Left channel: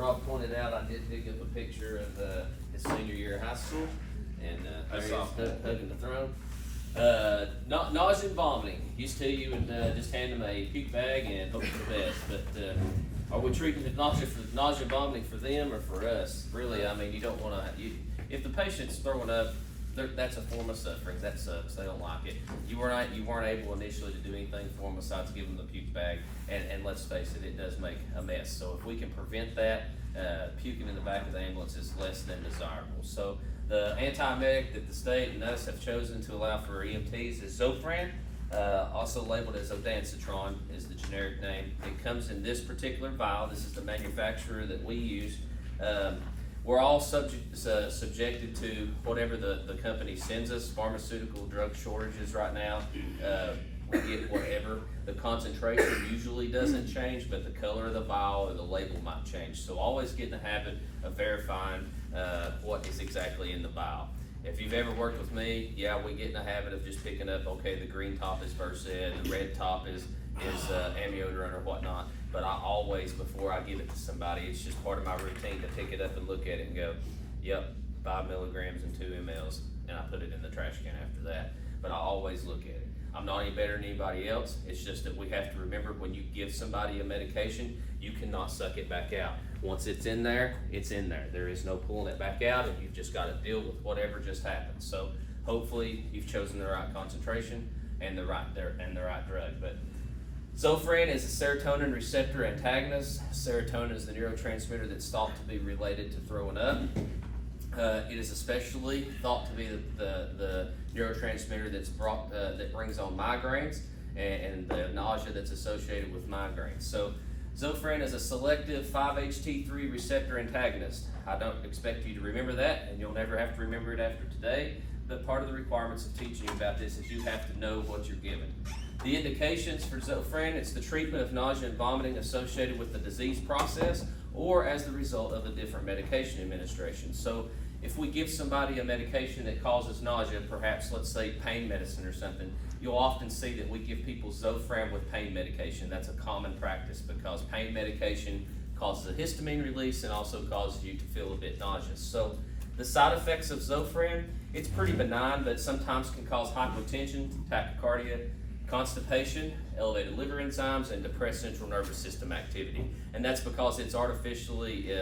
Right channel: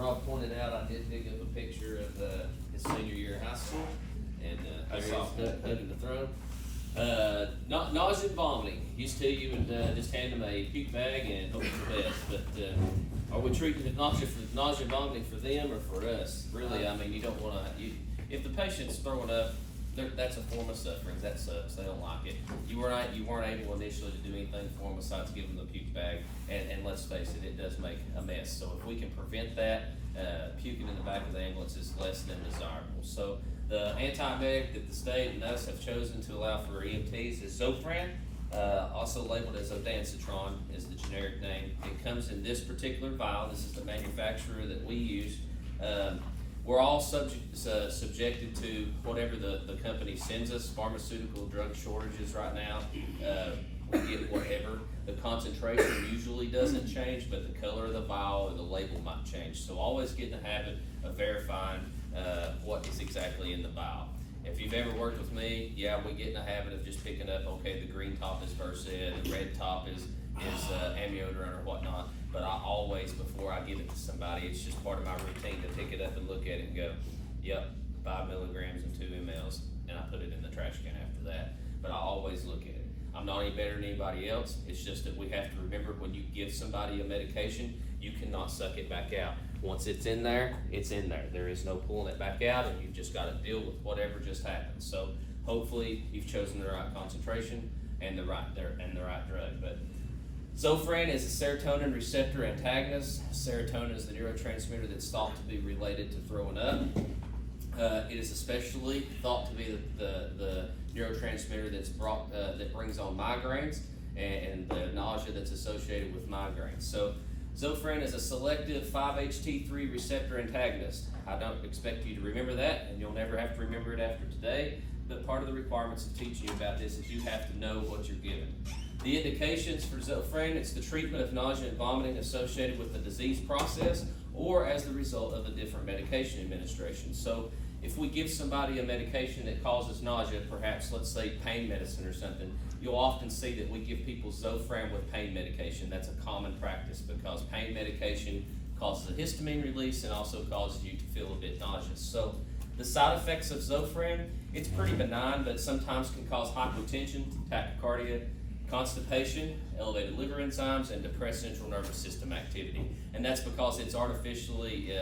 Rob pointed out, I did dig up a picture of his senior year of high school, and there he is hugging the throne. Nausea and vomiting. Used to you would just hand them a puke bag and hope for the best, but are we treating the nausea and vomiting for them or for us? Really, I mean, you don't want to. If the patient's throwing up, that's a form of suffering. That sucks. They don't like it. You weren't able initially to do anything for them besides give them the puke bag. And let's face it, it does make a mess. So if we can prevent that, puking in the back of the ambulance is less than desirable. So the antiemetic that the state and us have chosen to allow for EMTs is Zofran, also labeled as Odancitron is the generic name. It comes in this particular vial. This is the manufacturer that we use. We're all subjected to whatever the company sends us. Pharmaceutical drug shortages right now. We get whatever. The concentration usually doesn't change, but the color of the vial or the label might change. So always get in the habit of verifying what is exactly in the vial. If you've ever worked with me, yeah, we get in the habit of just picking up, okay, the green top is Versed, the red top is amiodarone or whatnot. But I always, before I give it to somebody, it's just part of my routine to pick it up and look at it and go, yep, 5 milligrams and 2 mLs, and I put it in the trash can after that. But I always look at it. I'm not any better than anybody else. It's just that we have to remember when you give somebody a medication, you cannot suck it back out. Once it's in there, it's in there. There is no pulling it back out, and you've just got to deal with whatever just happened. So hopefully you've chosen the right concentration and the right drug. But Zofran is a serotonin receptor antagonist. Serotonin is the neurotransmitter that's thought to be related to throwing up. It is especially thought to be the neurotransmitter that brings on migraines and the nausea that's associated with migraines. So Zofran is a selective 5-HT3 receptor antagonist. I don't expect you to remember that, and you'll never have to remember it after today, but part of the requirements of teaching you about this is you have to know what you're given. The indications for Zofran, it's the treatment of nausea and vomiting associated with the disease process or as the result of a different medication administration. So if we give somebody a medication that causes nausea, perhaps let's say pain medicine or something, you'll often see that we give people Zofran with pain medication. That's a common practice because pain medication causes a histamine release and also causes you to feel a bit nauseous. So the side effects of Zofran, it's pretty benign, but sometimes can cause hypotension, tachycardia, constipation, elevated liver enzymes, and depressed central nervous system activity. And that's because it's artificially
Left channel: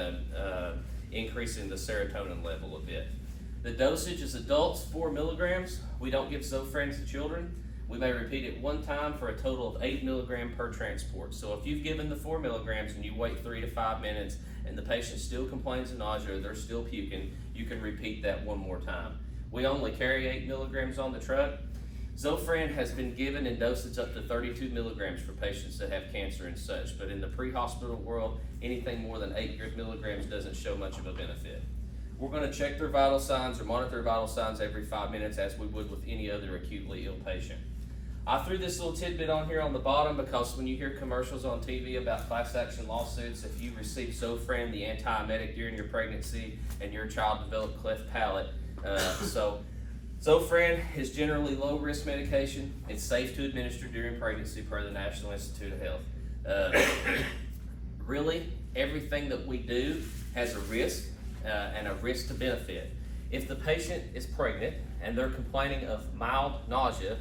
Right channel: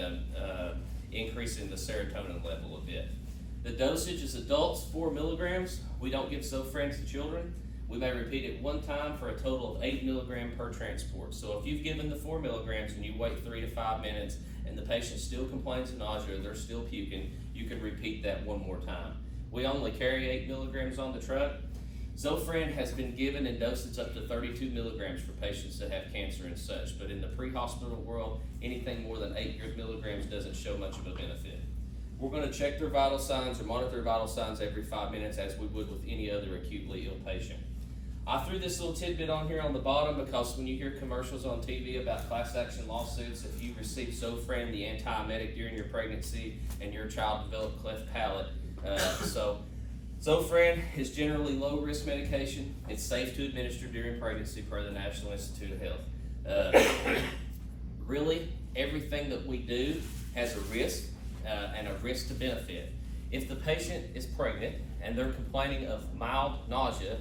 increasing the serotonin level a bit. The dosage is adults, 4 milligrams. We don't give Zofran to children. We may repeat it one time for a total of 8 milligrams per transport. So if you've given the 4 milligrams and you wait 3 to 5 minutes and the patient still complains of nausea or they're still puking, you can repeat that one more time. We only carry 8 milligrams on the truck. Zofran has been given in dosage up to 32 milligrams for patients that have cancer and such, but in the pre-hospital world, anything more than 8 milligrams doesn't show much of a benefit. We're going to check their vital signs or monitor their vital signs every 5 minutes as we would with any other acutely ill patient. I threw this little tidbit on here on the bottom because when you hear commercials on TV about class action lawsuits, if you receive Zofran, the antiemetic, during your pregnancy and your child developed cleft palate, Zofran is generally low-risk medication. It's safe to administer during pregnancy per the National Institute of Health. Really, everything that we do has a risk and a risk to benefit. If the patient is pregnant and they're complaining of mild nausea,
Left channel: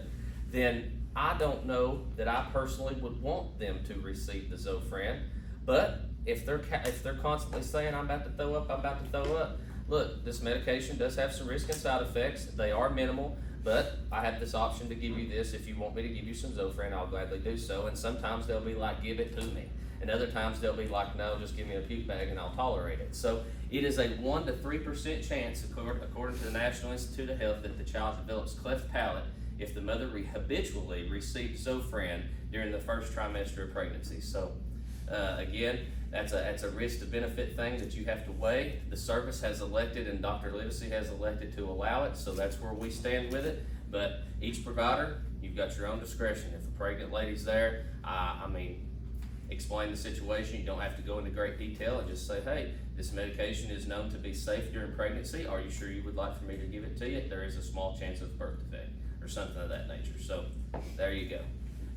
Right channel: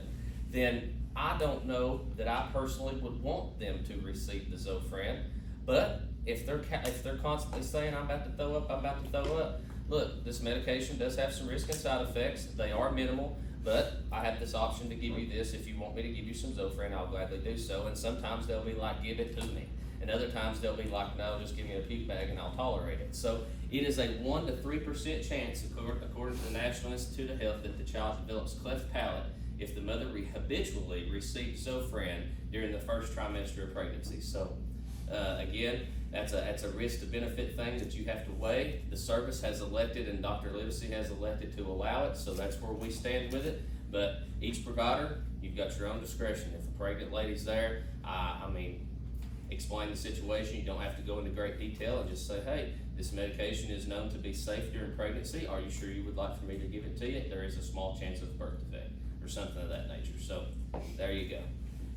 then I don't know that I personally would want them to receive the Zofran. But if they're constantly saying, I'm about to throw up, look, this medication does have some risk and side effects. They are minimal, but I have this option to give you this. If you want me to give you some Zofran, I'll gladly do so. And sometimes they'll be like, give it to me. And other times they'll be like, no, just give me a puke bag and I'll tolerate it. So it is a 1 to 3% chance, according to the National Institute of Health, that the child develops cleft palate if the mother habitually receives Zofran during the first trimester of pregnancy. So again, that's a risk to benefit thing that you have to weigh. The service has elected and Dr. Livesey has elected to allow it, so that's where we stand with it. But each provider, you've got your own discretion. If a pregnant lady's there, explain the situation. You don't have to go into great detail and just say, hey, this medication is known to be safe during pregnancy. Are you sure you would like for me to give it to you? There is a small chance of birth defect or something of that nature. So there you go.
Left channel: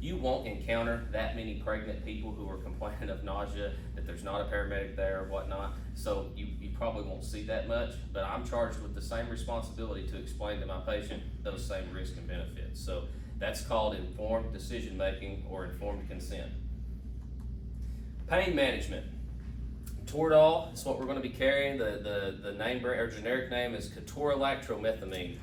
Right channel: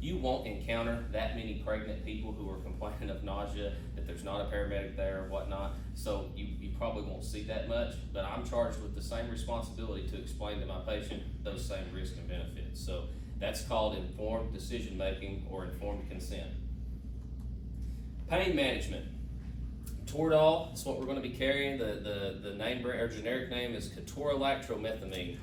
You won't encounter that many pregnant people who are complaining of nausea, that there's not a paramedic there or whatnot, so you probably won't see that much, but I'm charged with the same responsibility to explain to my patient those same risks and benefits. So that's called informed decision making or informed consent. Pain management. Toradol is what we're going to be carrying. The name or generic name is ketorolac-tromethamine.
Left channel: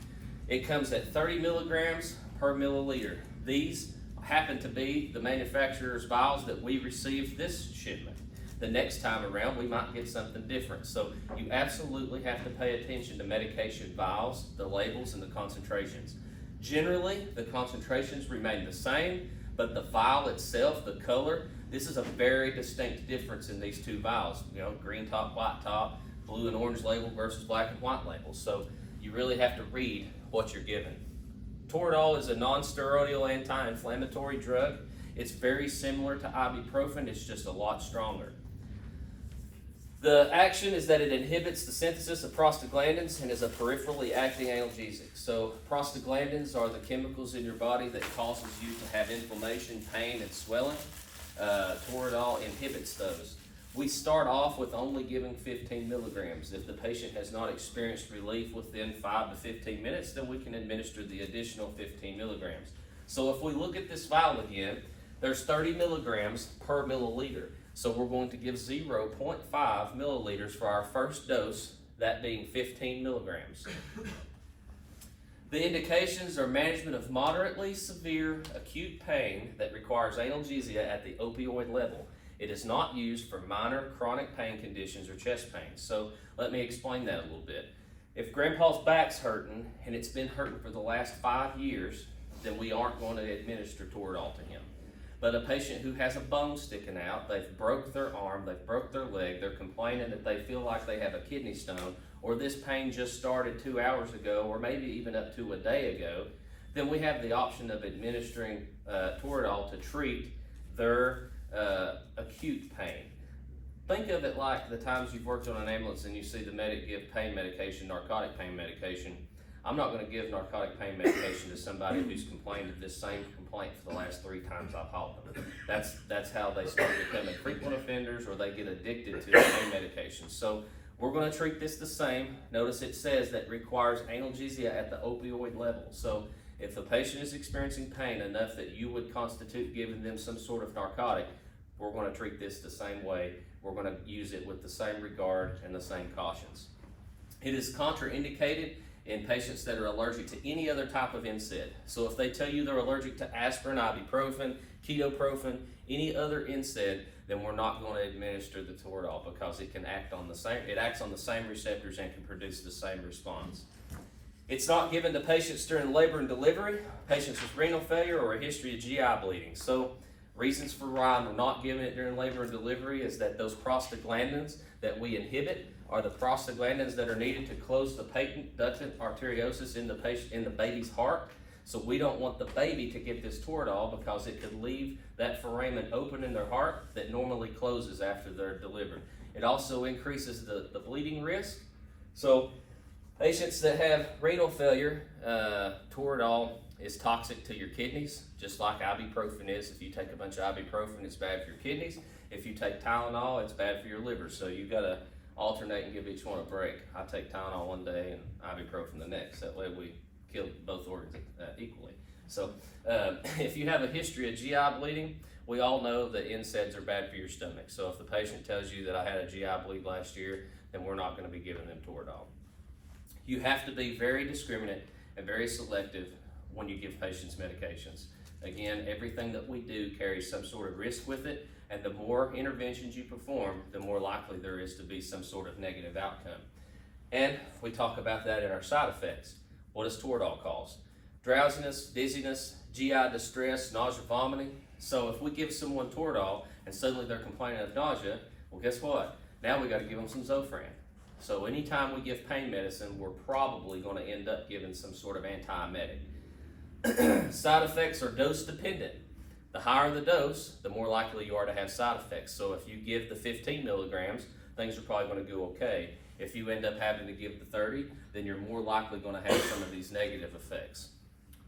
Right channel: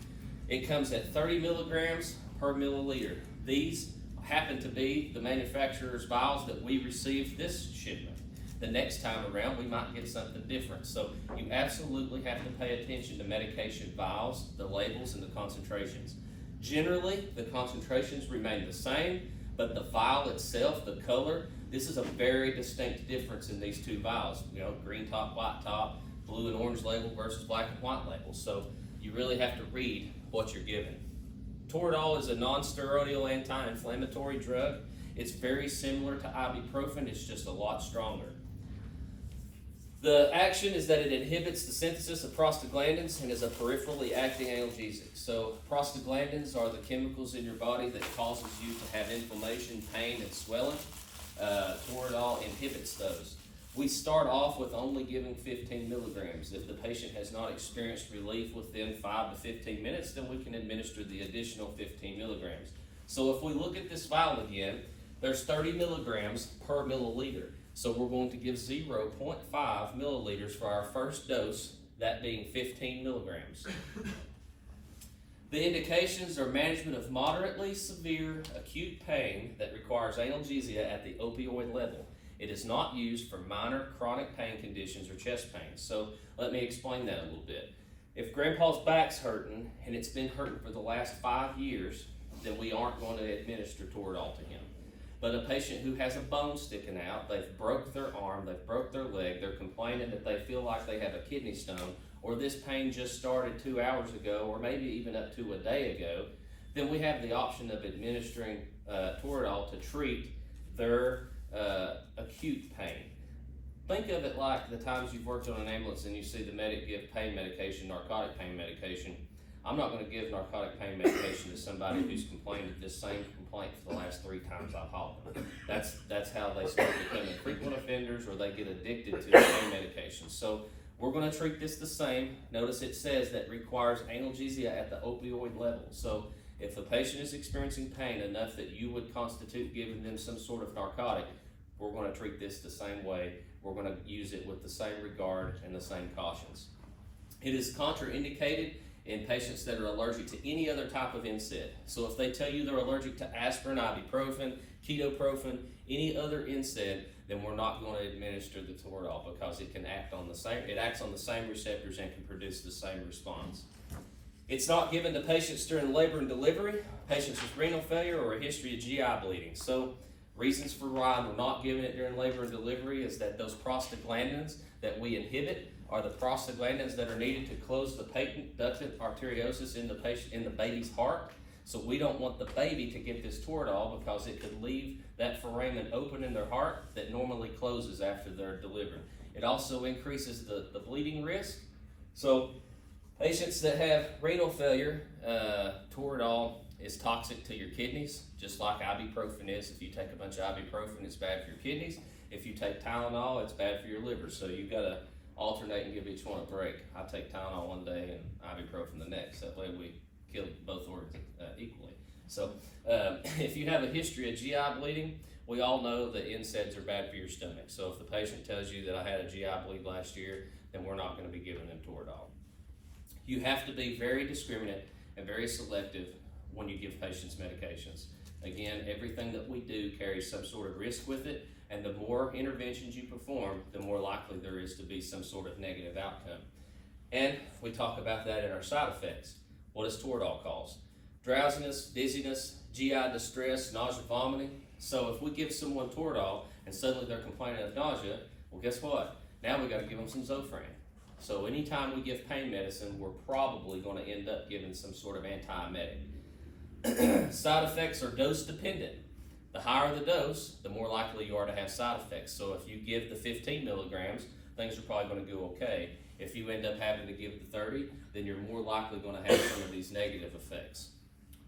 It comes at 30 milligrams per milliliter. These happen to be the manufacturer's vials that we received this shipment. The next time around, we might get something different. So you absolutely have to pay attention to medication vials, the labels, and the concentrations. Generally, the concentrations remain the same, but the vial itself, the color, this is a very distinct difference in these two vials. You know, green top, white top, blue and orange label versus black and white label. So you really have to read what you're given. Toradol is a non-steroidal anti-inflammatory drug. It's very similar to ibuprofen, it's just a lot stronger. The action is that it inhibits the synthesis of prostaglandins and is a peripherally acting analgesic. So prostaglandins are the chemicals in your body that causes you to have inflammation, pain, and swelling. Toradol inhibits those. We start off with only giving 15 milligrams. If the patient has not experienced relief within 5 to 15 minutes, then we can administer the additional 15 milligrams. So if we look at this vial again, there's 30 milligrams per milliliter. So we're going to give 0.5 milliliters for our first dose, that being 15 milligrams. The indications are management of moderately severe acute pain that requires analgesia at the opioid level. It is not used for minor chronic pain conditions or chest pain. So let me explain that a little bit. If grandpa's back's hurting and it's been hurting for the last 5 years, then we aren't going to administer Toradol to him. But a patient who has a bone sticking out, they've broke their arm, they've broke their leg, they're complaining that they feel like they have a kidney stone, or this pain just started 2 hours ago, or maybe even up to a day ago, then we have the option of administering Toradol to treat their acute pain. Think of it like the times you've worked on an ambulance and you see the medic give pain medication, narcotic pain medication. I'm not going to give narcotic pain medication to somebody who's complained of this same complaint for the last 3 times I've hauled them. That's how they start becoming frequent offenders, or they get addicted to the pain medication. So we're going to treat this the same. Notice it says that requires analgesia at the opioid level. So if the patient is experiencing pain enough that you would constitute giving them some sort of narcotic, we're going to treat this the same way. We're going to use it with the same regard and the same cautions. It is contraindicated in patients that are allergic to any other type of NSAID. So if they tell you they're allergic to aspirin, ibuprofen, ketoprofen, any other NSAID, then we're not going to administer the Toradol because it acts on the same receptors and can produce the same response. It's not given to patients during labor and delivery, patients with renal failure, or a history of GI bleeding. So reasons for why we're not giving it during labor and delivery is that those prostaglandins that we inhibit are the prostaglandins that are needed to close the patent ductal arteriosus in the baby's heart. So we don't want the baby to get this Toradol because it could leave that foramen open in their heart that normally closes after they're delivered. It also increases the bleeding risk. So patients that have renal failure, Toradol is toxic to your kidneys, just like ibuprofen is. If you take a bunch of ibuprofen, it's bad for your kidneys. If you take Tylenol, it's bad for your liver. So you've got to alternate and give each one a break. I take Tylenol one day and ibuprofen the next. That way we kill both organs equally. So if you have a history of GI bleeding, we all know that NSAIDs are bad for your stomach. So if the patient tells you that I had a GI bleed last year, then we're not going to be giving them Toradol. You have to be very discriminate and very selective when you give patients medications. Again, everything that we do carries some sort of risk with it, and the more interventions you perform, the more likely there is to be some sort of negative outcome. And we talk about that in our side effects. What does Toradol cause? Drowsiness, dizziness, GI distress, nausea, vomiting. So if we give someone Toradol and suddenly they're complaining of nausea, well, guess what? Now we got to give them some Zofran. So anytime we give pain medicine, we're probably going to end up giving some sort of antiemetic. Side effects are dose dependent. The higher the dose, the more likely you are to have side effects. So if you give the 15 milligrams, things are probably going to go okay. If you end up having to give the 30, then you're more likely going to have some of these negative effects.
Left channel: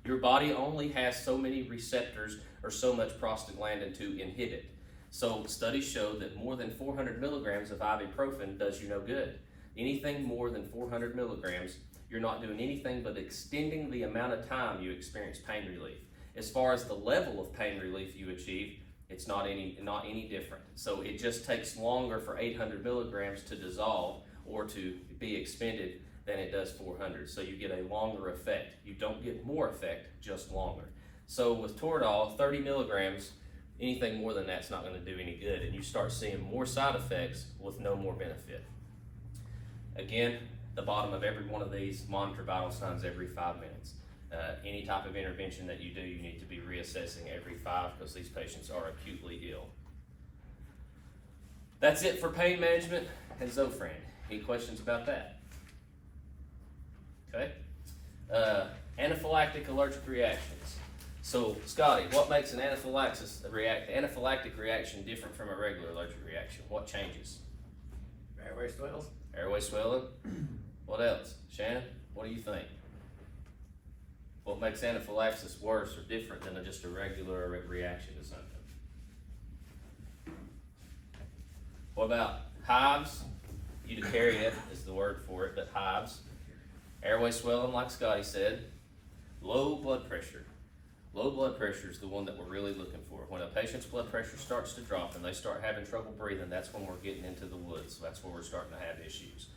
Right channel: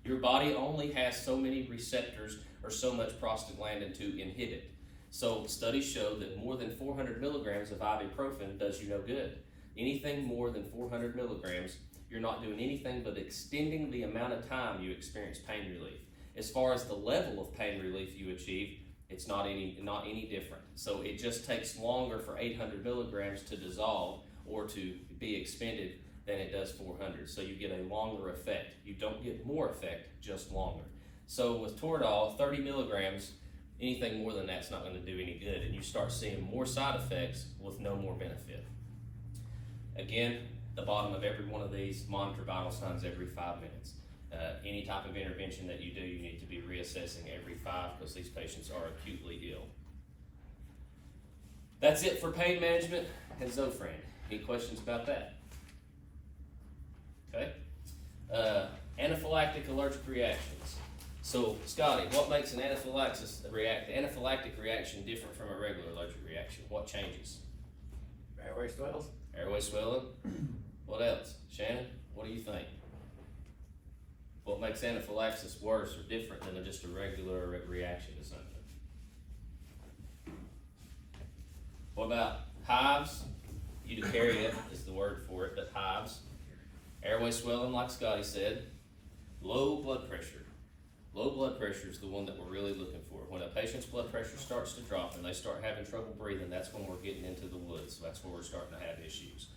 Your body only has so many receptors or so much prostaglandin to inhibit. So studies show that more than 400 milligrams of ibuprofen does you no good. Anything more than 400 milligrams, you're not doing anything but extending the amount of time you experience pain relief. As far as the level of pain relief you achieve, it's not any different. So it just takes longer for 800 milligrams to dissolve or to be expended than it does 400. So you get a longer effect. You don't get more effect, just longer. So with Toradol, 30 milligrams, anything more than that's not going to do any good, and you start seeing more side effects with no more benefit. Again, the bottom of every one of these, monitor vital signs every 5 minutes. Any type of intervention that you do, you need to be reassessing every 5 because these patients are acutely ill. That's it for pain management and Zofran. Any questions about that? Okay. Anaphylactic allergic reactions. So, Scotty, what makes an anaphylactic reaction different from a regular allergic reaction? What changes? Airway swells. Airway swelling. What else? Shannon, what do you think? What makes anaphylaxis worse or different than just a regular reaction to something? What about hives? Urticaria is the word for it, but hives. Airway swelling, like Scotty said. Low blood pressure. Low blood pressure is the one that we're really looking for. When a patient's blood pressure starts to drop and they start having trouble breathing, that's when we're getting into the woods. So that's where we're starting to have issues.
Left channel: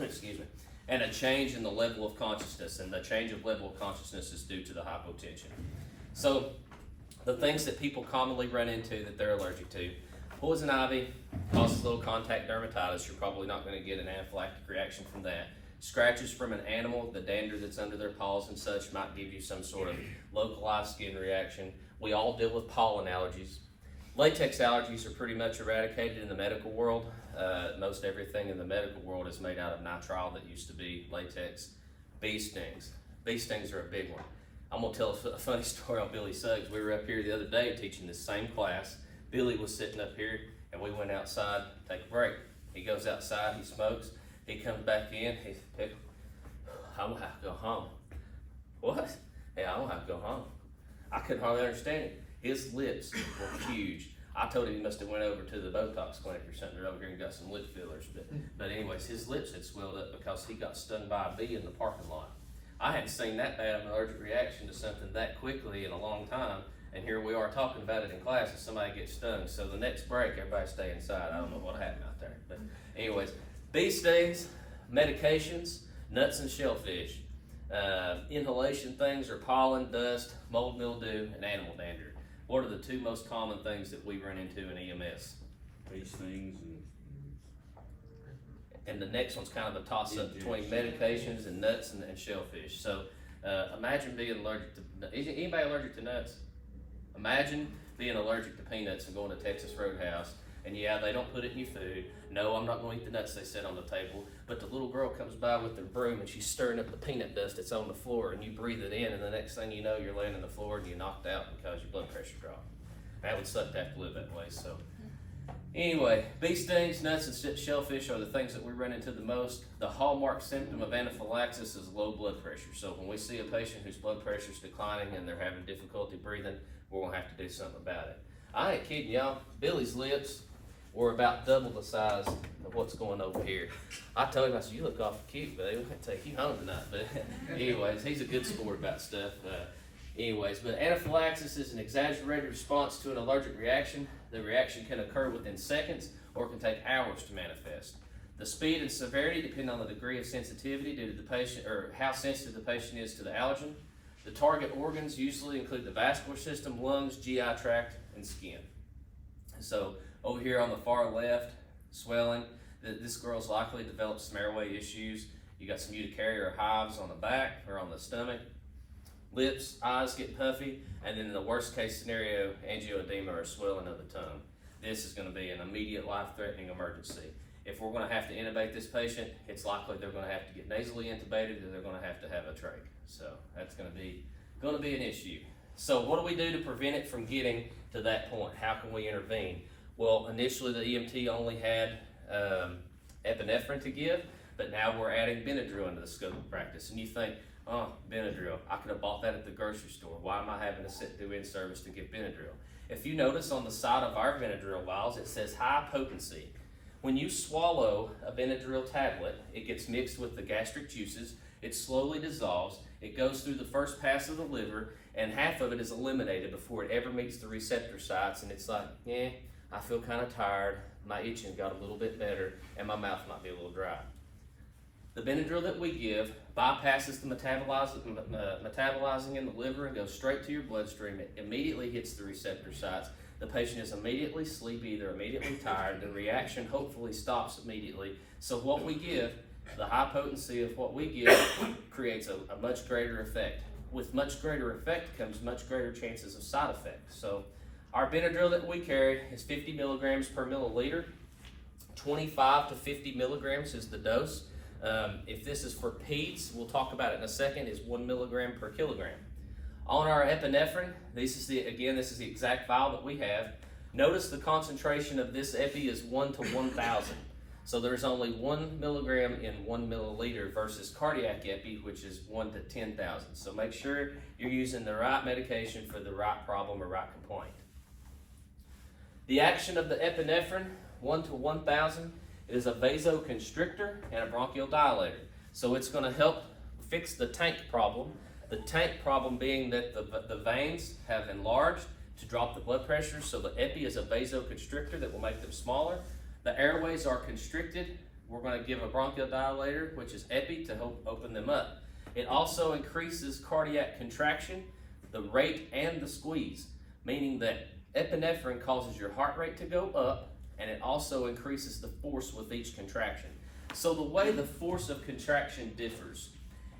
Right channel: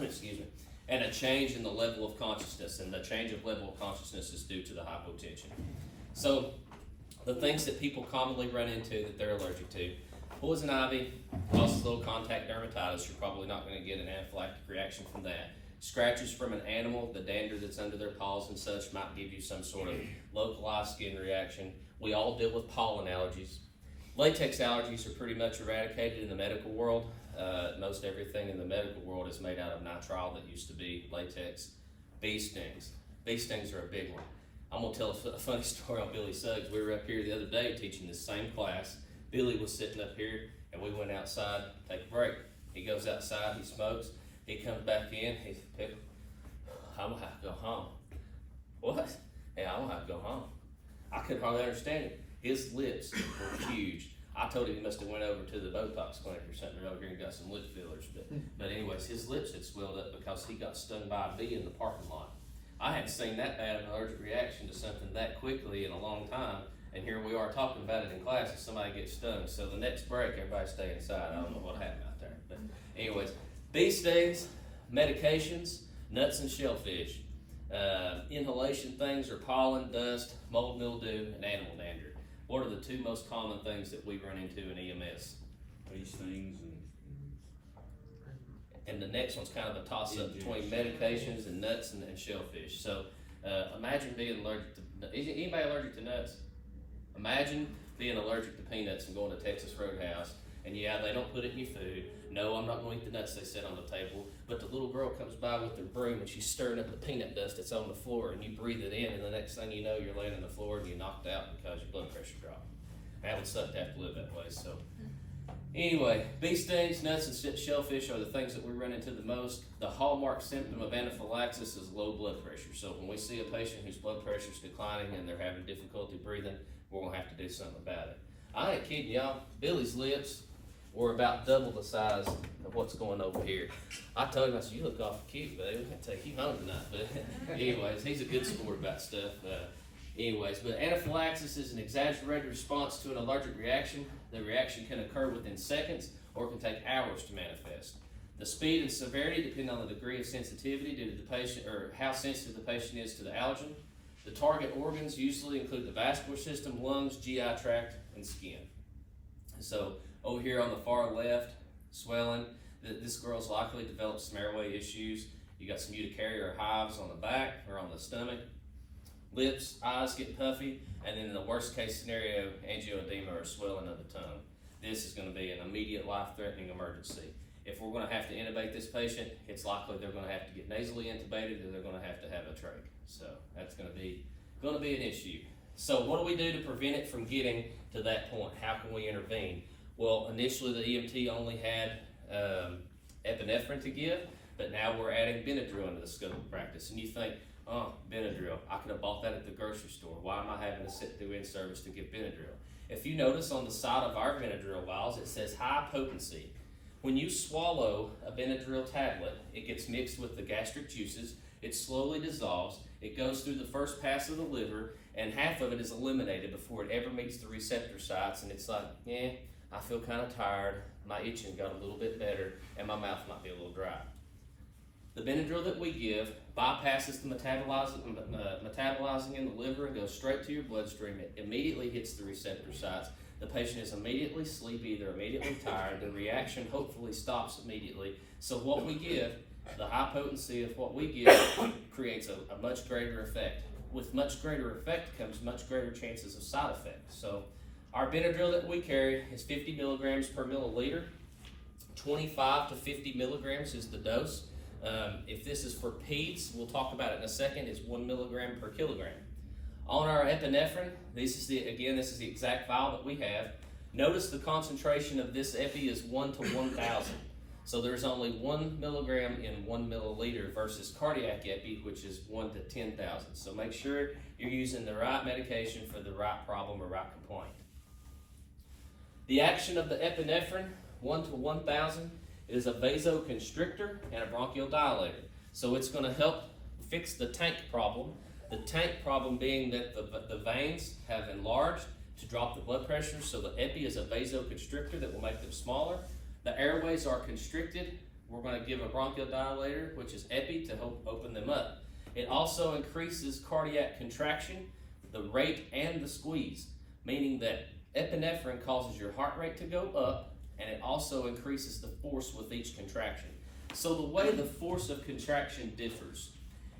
Excuse me. And a change in the level of consciousness, and the change of level of consciousness is due to the hypotension. So the things that people commonly run into that they're allergic to: poison ivy causes low contact dermatitis. You're probably not going to get an anaphylactic reaction from that. Scratches from an animal, the dander that's under their paws and such might give you some sort of localized skin reaction. We all deal with pollen allergies. Latex allergies are pretty much eradicated in the medical world. Most everything in the medical world is made out of nitrile that used to be latex. Bee stings. Bee stings are a big one. I'm gonna tell a funny story on Billy Suggs. We were up here the other day teaching this same class. Billy was sitting up here and we went outside to take a break. He goes outside, he smokes, he comes back in, he's I'm gonna have to go home. What? Yeah, I'm gonna have to go home. I couldn't hardly understand it. His lips were huge. I told him he must have went over to the Botox clinic or something. They're over here and got some lip fillers. But anyways, his lips had swelled up because he got stung by a bee in the parking lot. I hadn't seen that bad an allergic reaction to something that quickly in a long time. And here we are talking about it in class and somebody gets stung. So the next break, everybody stay inside. I don't know what happened out there. But anyways, bee stings, medications, nuts and shellfish. Inhalation things are pollen, dust, mold, mildew, and animal dander. What are the 2 most common things that we run into in EMS? These things And the next one's kind of a toss-up between medications and nuts and shellfish. So imagine being allergic to, is anybody allergic to nuts? Imagine being allergic to peanuts and going to Texas Roadhouse, and yeah, they don't put it in your food. No, I'm not going to eat the nuts they set on the table, but the little girl comes by with her broom and she's stirring up the peanut dust that's on the floor, and you breathe it in, and the next thing you know, you're laying on the floor and you're knocked out because your blood pressure dropped. That would suck to have to live that way. So anyway, bee stings, nuts, and shellfish are the things that we run into the most. The hallmark symptom of anaphylaxis is low blood pressure. So when we see a patient whose blood pressure is declining and they're having difficulty breathing, we're going to have to do something about it. I ain't kidding y'all. Billy's lips were about double the size of what's going over here. I told him, I said, you look awful cute, but we can't take you home tonight. But anyways, he's a good sport about stuff. But anaphylaxis is an exaggerated response to an allergic reaction. The reaction can occur within seconds or can take hours to manifest. The speed and severity depend on the degree of sensitivity due to the patient, or how sensitive the patient is to the allergen. The target organs usually include the vascular system, lungs, GI tract, and skin. So over here on the far left, swelling, this girl's likely developed some airway issues. You got some urticaria or hives on the back or on the stomach. Lips, eyes get puffy, and then in the worst case scenario, angioedema or swelling of the tongue. This is going to be an immediate life-threatening emergency. If we're going to have to intubate this patient, it's likely they're going to have to get nasally intubated, or they're going to have a trach. So that's going to be an issue. So what do we do to prevent it from getting to that point? How can we intervene? Well, initially the EMT only had epinephrine to give, but now we're adding Benadryl into the scope of practice. And you think, Oh, Benadryl. I could have bought that at the grocery store. Why am I having to sit through in-service to get Benadryl? If you notice on the side of our Benadryl vials, it says high potency. When you swallow a Benadryl tablet, it gets mixed with the gastric juices, it slowly dissolves, it goes through the first pass of the liver, and half of it is eliminated before it ever meets the receptor sites, and it's like, yeah, I feel kind of tired, my itching got a little bit better, and my mouth might be a little dry. The Benadryl that we give bypasses the metabolizing in the liver and goes straight to your bloodstream. It immediately hits the receptor sites. The patient is immediately sleepy, they're immediately tired, the reaction hopefully stops immediately. So what we give, the high potency of what we give, creates a much greater effect. With much greater effect comes much greater chances of side effects. So our Benadryl that we carry is 50 milligrams per milliliter. 25 to 50 milligrams is the dose. If this is for peds, we'll talk about it in a second, is 1 milligram per kilogram. On our epinephrine, this is the exact vial that we have. Notice the concentration of this epi is 1 to 1,000. So there's only 1 milligram in 1 milliliter versus cardiac epi, which is 1 to 10,000. So make sure you're using the right medication for the right problem or right complaint. The action of the epinephrine, 1 to 1,000, is a vasoconstrictor and a bronchodilator. So it's going to help fix the tank problem. The tank problem being that the veins have enlarged to drop the blood pressure, so the epi is a vasoconstrictor that will make them smaller. The airways are constricted. We're going to give a bronchodilator, which is epi, to help open them up. It also increases cardiac contraction, the rate and the squeeze, meaning that epinephrine causes your heart rate to go up, and it also increases the force with each contraction. So the way the force of contraction differs,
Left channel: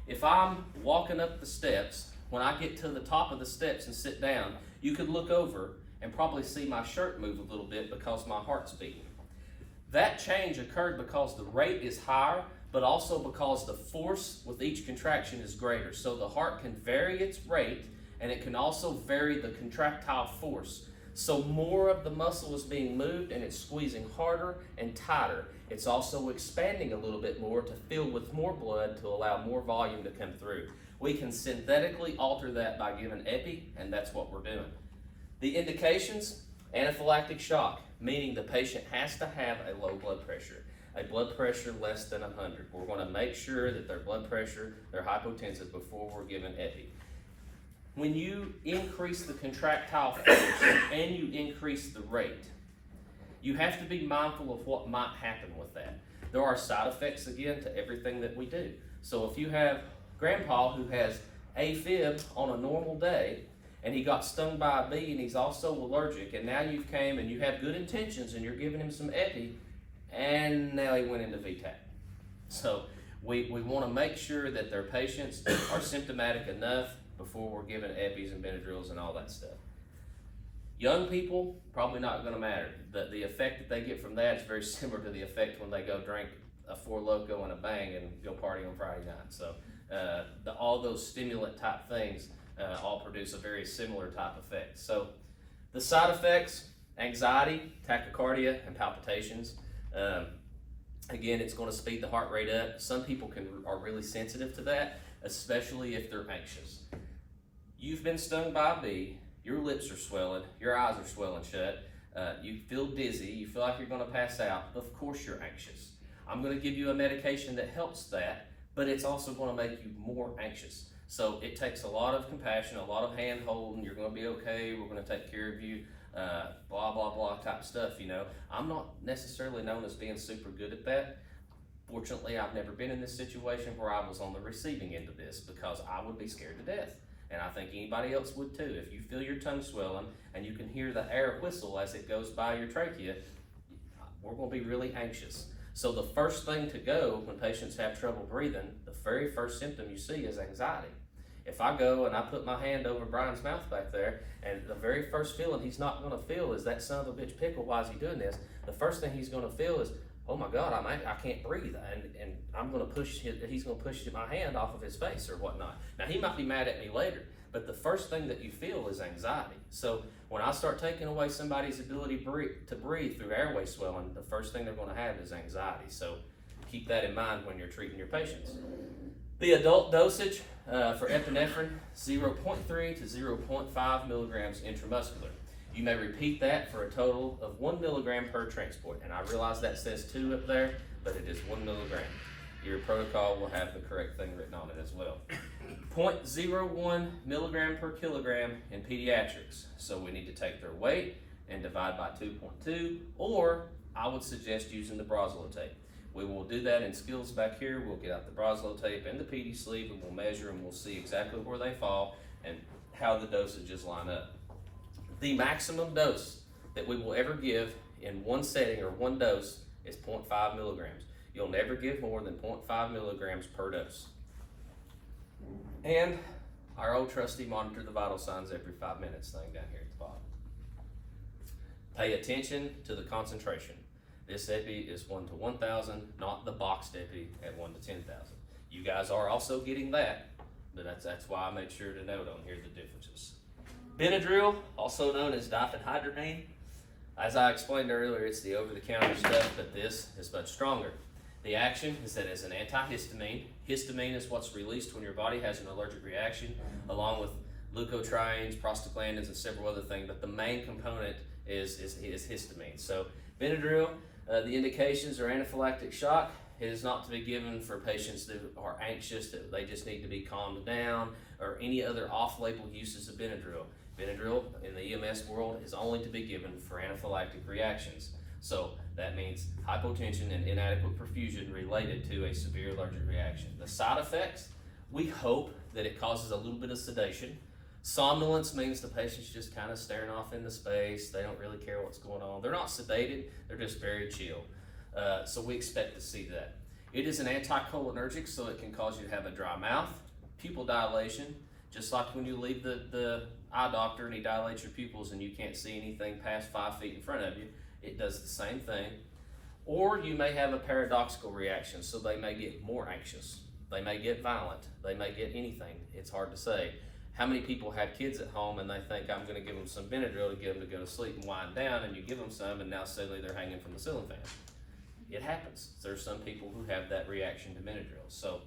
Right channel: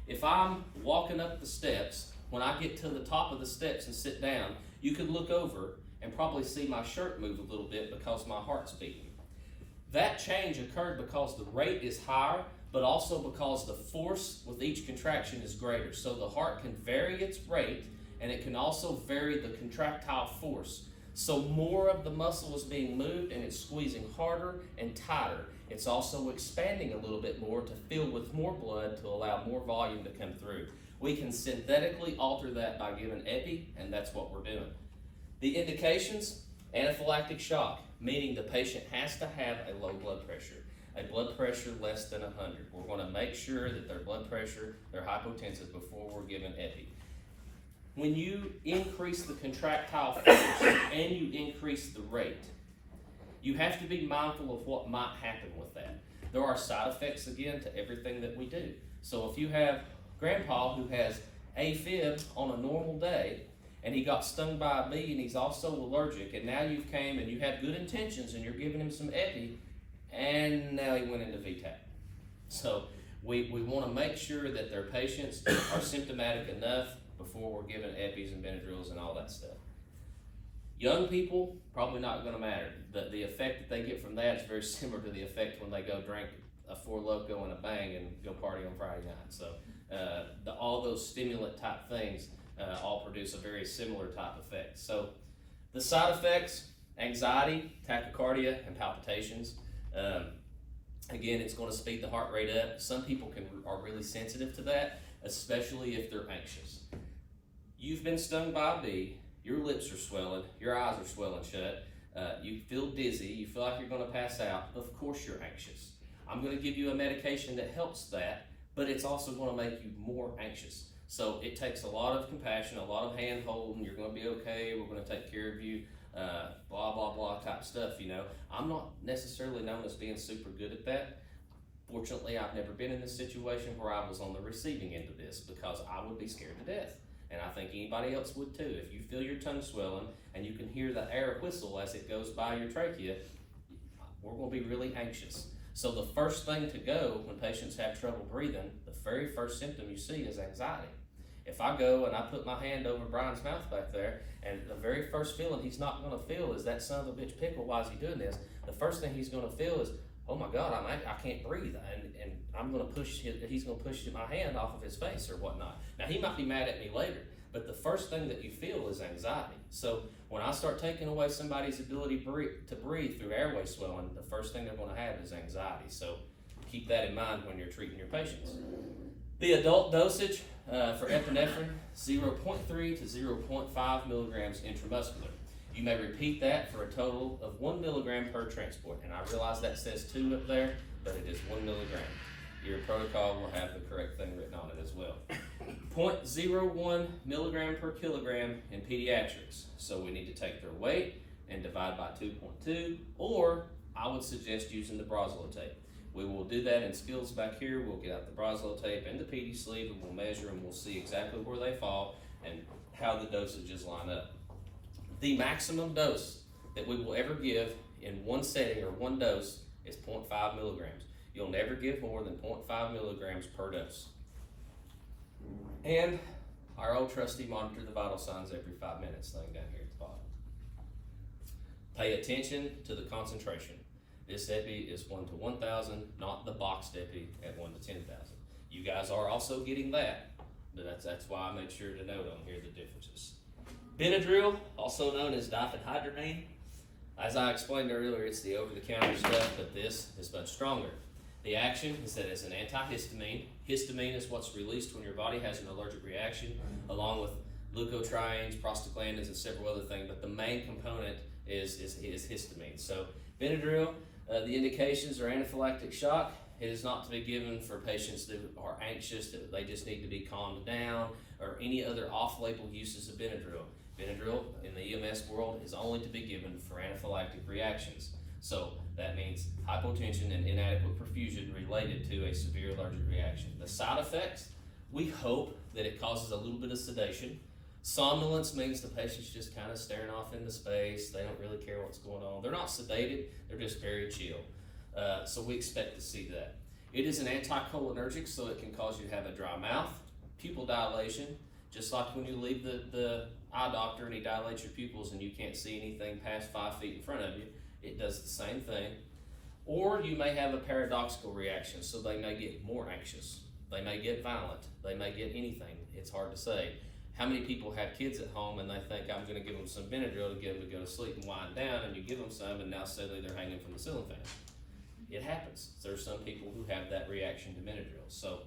if I'm walking up the steps, when I get to the top of the steps and sit down, you could look over and probably see my shirt move a little bit because my heart's beating. That change occurred because the rate is higher, but also because the force with each contraction is greater. So the heart can vary its rate, and it can also vary the contractile force. So more of the muscle is being moved, and it's squeezing harder and tighter. It's also expanding a little bit more to fill with more blood to allow more volume to come through. We can synthetically alter that by giving epi, and that's what we're doing. The indications, anaphylactic shock, meaning the patient has to have a low blood pressure, a blood pressure less than 100. We're going to make sure that their blood pressure, they're hypotensive before we're giving epi. When you increase the contractile force and you increase the rate, you have to be mindful of what might happen with that. There are side effects, again, to everything that we do. So if you have grandpa who has AFib on a normal day, and he got stung by a bee and he's also allergic, and now you've came and you have good intentions and you're giving him some epi, and now he went into VTAC. So we want to make sure that their patients are symptomatic enough before we're giving epis and Benadryls and all that stuff. Young people, probably not going to matter. The effect that they get from that is very similar to the effect when they go drink a Four Loko and a Bang and go party on Friday night. So all those stimulant type things all produce a very similar type effect. So the side effects, anxiety, tachycardia, and palpitations. Again, it's going to speed the heart rate up. Some people are really sensitive to that, especially if they're anxious. You've been stung by a bee, your lips are swelling, your eyes are swelling shut, you feel dizzy, you feel like you're going to pass out. Of course you're anxious. I'm going to give you a medication that helps that, but it's also going to make you more anxious. So it takes a lot of compassion, a lot of hand holding. You're going to be okay, we're going to take care of you, blah, blah, blah type stuff, you know. I'm not necessarily known as being super good at that. Fortunately, I've never been in this situation where I was on the receiving end of this, because I would be scared to death. And I think anybody else would too. If you feel your tongue swelling and you can hear the air whistle as it goes by your trachea, we're going to be really anxious. So the first thing to go when patients have trouble breathing, the very first symptom you see is anxiety. If I go and I put my hand over Brian's mouth back there, and the very first feeling he's not going to feel is that son of a bitch pickle, why is he doing this? The first thing he's going to feel is, oh my God, I can't breathe, and I'm going to he's going to push my hand off of his face or whatnot. Now he might be mad at me later, but the first thing that you feel is anxiety. So when I start taking away somebody's ability to breathe through airway swelling, the first thing they're going to have is anxiety. So keep that in mind when you're treating your patients. The adult dosage for epinephrine, 0.3 to 0.5 milligrams intramuscular. You may repeat that for a total of 1 milligram per transport. And I realize that says 2 up there, but it is 1 milligram. Your protocol will have the correct thing written on it as well. 0.01 milligram per kilogram in pediatrics. So we need to take their weight and divide by 2.2, or I would suggest using the Broslo tape. We will do that in skills back here. We'll get out the Broslo tape and the PD sleeve, and we'll measure and we'll see exactly where they fall and how the dosages line up. The maximum dose that we will ever give in one setting or one dose is 0.5 milligrams. You'll never give more than 0.5 milligrams per dose. And our old trusty monitor the vital signs every 5 minutes thing down here at the bottom. Pay attention to the concentration. This epi is 1 to 1,000, not the boxed epi at 1 to 10,000. You guys are also getting that, but that's why I made sure to note on here the differences. Benadryl, also known as diphenhydramine. As I explained earlier, it's the over-the-counter stuff, but this is much stronger. The action is that it's an antihistamine. Histamine is what's released when your body has an allergic reaction, along with leukotrienes, prostaglandins, and several other things, but the main component is histamine. So Benadryl, the indications are anaphylactic shock. It is not to be given for patients that are anxious, that they just need to be calmed down, or any other off-label uses of Benadryl. Benadryl in the EMS world is only to be given for anaphylactic reactions. So that means hypotension and inadequate perfusion related to a severe allergic reaction. The side effects, we hope that it causes a little bit of sedation. Somnolence means the patient's just kind of staring off into space. They don't really care what's going on. They're not sedated, they're just very chill. So we expect to see that. It is an anticholinergic, so it can cause you to have a dry mouth, pupil dilation, just like when you leave the eye doctor and he dilates your pupils and you can't see anything past 5 feet in front of you. It does the same thing. Or you may have a paradoxical reaction, so they may get more anxious. They may get violent. They may get anything. It's hard to say. How many people have kids at home and they think, I'm going to give them some Benadryl to get them to go to sleep and wind down, and you give them some and now suddenly they're hanging from the ceiling fan. It happens. There's some people who have that reaction to Benadryl. So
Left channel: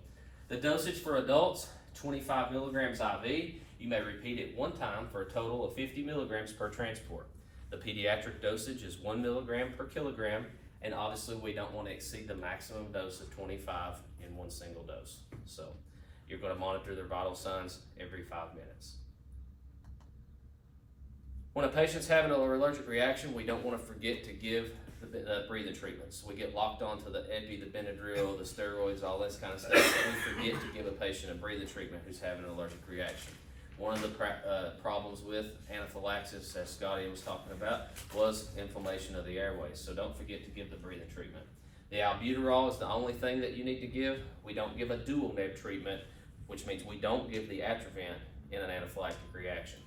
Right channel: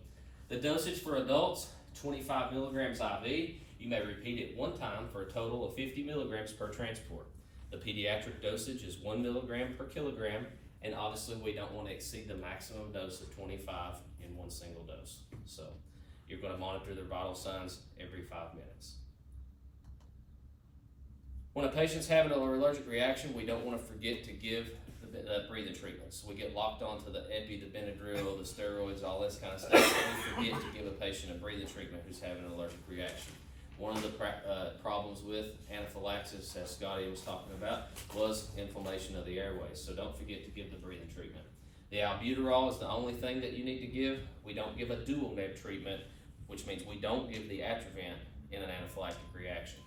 the dosage for adults, 25 milligrams IV. You may repeat it one time for a total of 50 milligrams per transport. The pediatric dosage is 1 milligram per kilogram, and obviously we don't want to exceed the maximum dose of 25 in one single dose. So you're going to monitor their vital signs every 5 minutes. When a patient's having an allergic reaction, we don't want to forget to give the breathing treatments. We get locked onto the epi, the Benadryl, the steroids, all this kind of stuff. So we forget to give a patient a breathing treatment who's having an allergic reaction. One of the problems with anaphylaxis, as Scotty was talking about, was inflammation of the airways. So don't forget to give the breathing treatment. The albuterol is the only thing that you need to give. We don't give a dual neb treatment, which means we don't give the Atrovent in an anaphylactic reaction.